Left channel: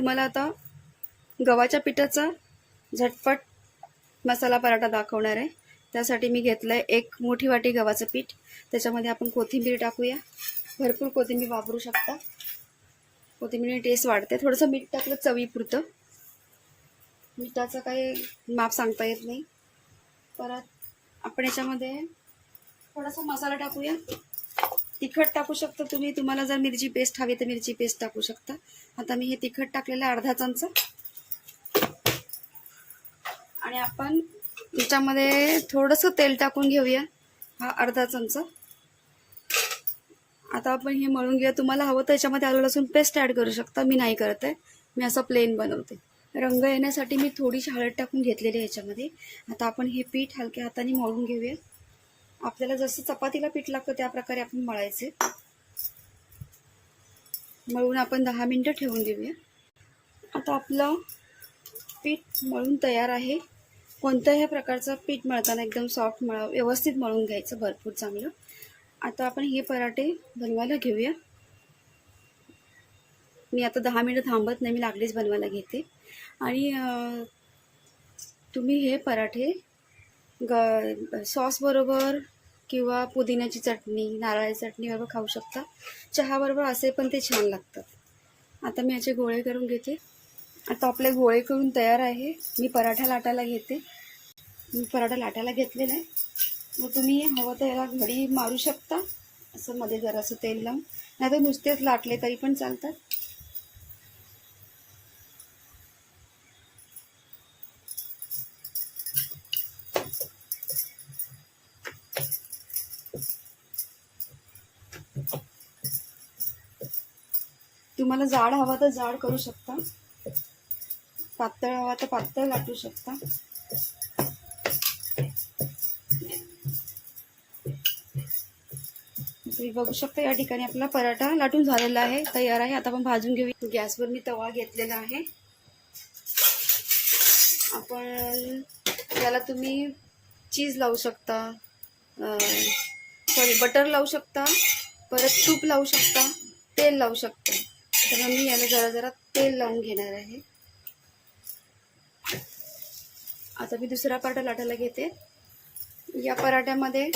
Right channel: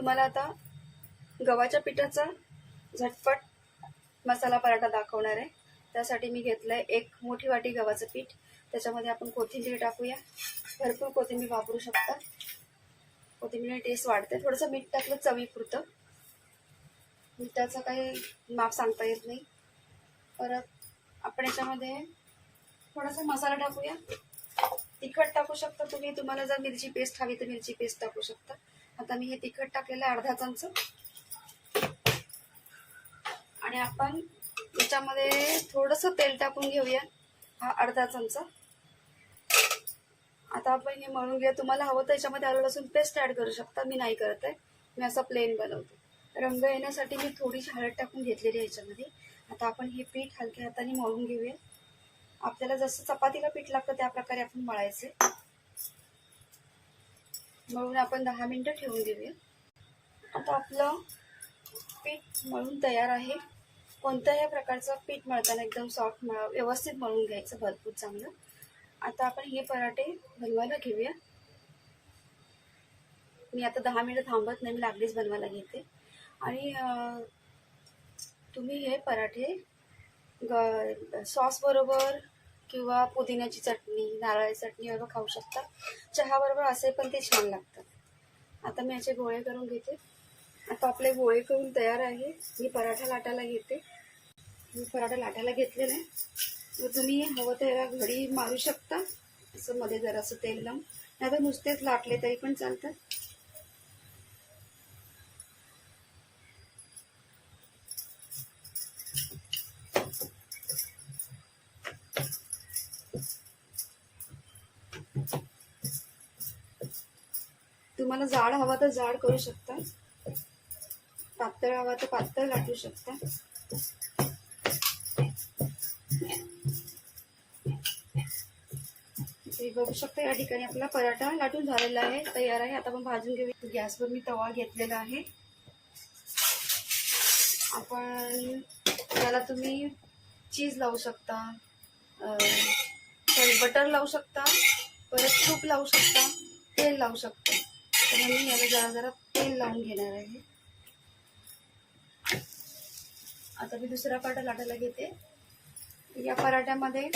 तुम्हाला आता गव्हाच्या पिठाचा झटपट मसाला पराठा दाखवणार आहे. त्यासाठी मी घेतलं आहे एक मोठी वाटी गव्हाचं पीठ. त्याच्यामध्ये आपण कोथिंबीर टाकूया. भरपूर कोथिंबीर वापरू शकता. कोथिंबीर टेस्ट वाढते. थोडंसं मीठ टाकलं चवीपुरतं. मिठाचं काही माप सांगता येत नाही. परत आपण याच्यामध्ये थोडासा मसाला टाकूया. तिखट टाकू शकता तुम्ही. तुम्हाला जर मिरची पेस्ट हवी तर मिरची पेस्ट टाकू शकता. आता मी हे तिखट टाकलेलं आहे अर्धा चमचा. आणि आपण याच्यामध्ये थोडंसं तेल टाकून घेऊया. हा अर्धा चमचा. आता आपण हे मळून घेऊया. तुम्हाला हवं तर याच्यामध्ये आलं लसूण पेस्ट ॲड करू शकता. मी नाही करत आहे. मी असं प्लेन बनवते. रंग येण्यासाठी मी थोडीशी हळद टाकून घेतलेली आहे याच्यामध्ये. आता आपण हे पीठ हलक्या हाताने मळून घेऊया. आपल्याला जसं चपातीला पीठ लागतं त्या प्रकारे आपण मळायचे. मळून आपण दहा मिनटं ठेवून देऊया. आता आपलं पीठ मळून तयार आहे. कोणत्याही प्रकारचं पीठ मळताना एकदम सॉफ्ट मळ व्यवस्थित मळून घ्यायचं भरपूर चांगलं. आता आपण हे पराठे बनवायला घेऊया. मी आता दहा मिनटं थांबत नाही मी लागलीच बनवायला घेते. आणि तुम्ही हे पराठे ग सॉसबरोबर किंवा पुदिन्याची चटणी नारळाची चटणी बरोबर खाऊ शकता. चहाबरोबर असे पण ते छान लागतात. आता मी याचे गोळे करून घेते. आता आपले गोळे करून तयार आहे. मी पराठा लाटायला घेते. मी पराठा लाटायला घेतलेला आहे मग तुम्ही हवं तर याला घडी मारू शकता. असं मध्ये जरासं तेल लावून. नाही तर नुसतेच लाटले तरी पण चालतात. तुम्हाला जाड हवा तर जाड करू शकता. पातळ हवा तर पातळ लाटू शकता. तुम्ही बघू शकता या ठिकाणी आपला पराठा लाटून झालेला आहे. तयार आहे. आता आपण भाजून घेऊ. गॅसवर मी तवा घेतलेला आहे. आपण याला तुम्ही चीज लावू शकता. सॉरी बटर लावू शकता. परत तूप लावू शकता. तेल लावू शकता. तर मी याला जरा जरा तेल लावून घेणार आहे. आता मी दुसरा पराठा लाटायला घेते. या पराठ्यामध्ये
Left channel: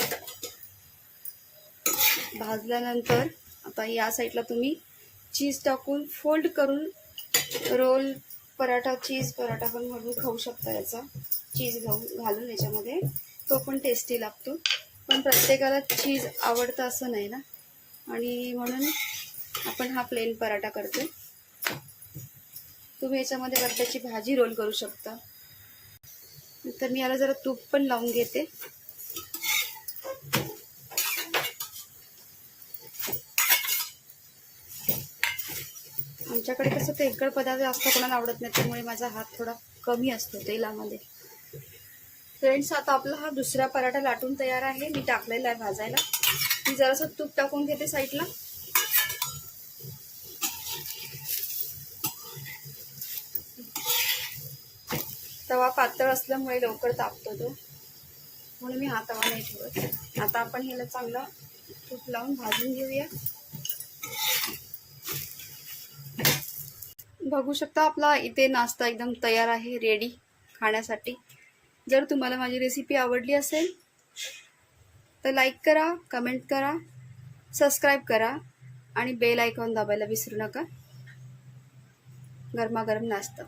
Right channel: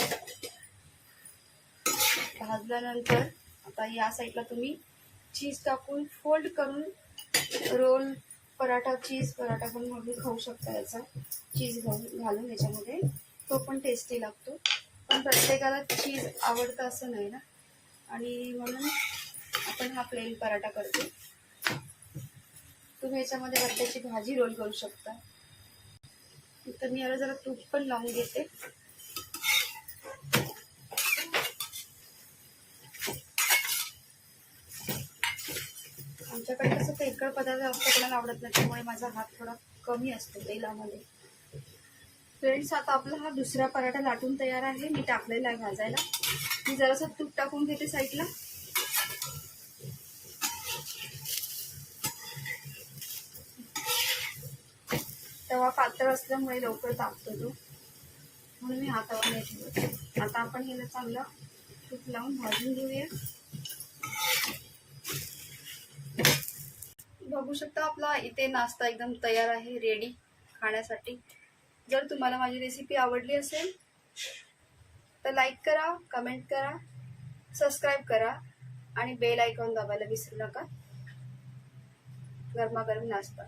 भाजल्यानंतर आता या साईडला तुम्ही चीज टाकून फोल्ड करून रोल पराठा चीज पराठा पण म्हणून खाऊ शकता याचा. चीज घालून घालून याच्यामध्ये. तो पण टेस्टी लागतो. पण प्रत्येकाला चीज आवडतं असं नाही ना. आणि म्हणून आपण हा प्लेन पराठा करतो. तुम्ही याच्यामध्ये बटाट्याची भाजी रोल करू शकता. तर मी याला जरा तूप पण लावून घेते. आमच्याकडे कसं तेलकट पदार्थ जास्त कोणाला आवडत नाही त्यामुळे माझा हात थोडा कमी असतो तेलामध्ये. फ्रेंड्स आता आपला हा दुसरा पराठा लाटून तयार आहे. मी टाकलेला आहे भाजायला. मी जरासं तूप टाकून घेते साईडला तवा पातळ असल्यामुळे लवकर तापतो तो. म्हणून मी हा तवा नाही ठेवत. आता आपण ह्याला चांगलं तूप लावून भाजून घेऊया. बघू शकता आपला इथे नाश्ता एकदम तयार आहे रेडी खाण्यासाठी. जर तुम्हाला माझी रेसिपी आवडली असेल तर लाईक करा कमेंट करा सबस्क्राईब करा आणि बेल आयकॉन दाबायला विसरू नका. गरमागरम नाश्ता.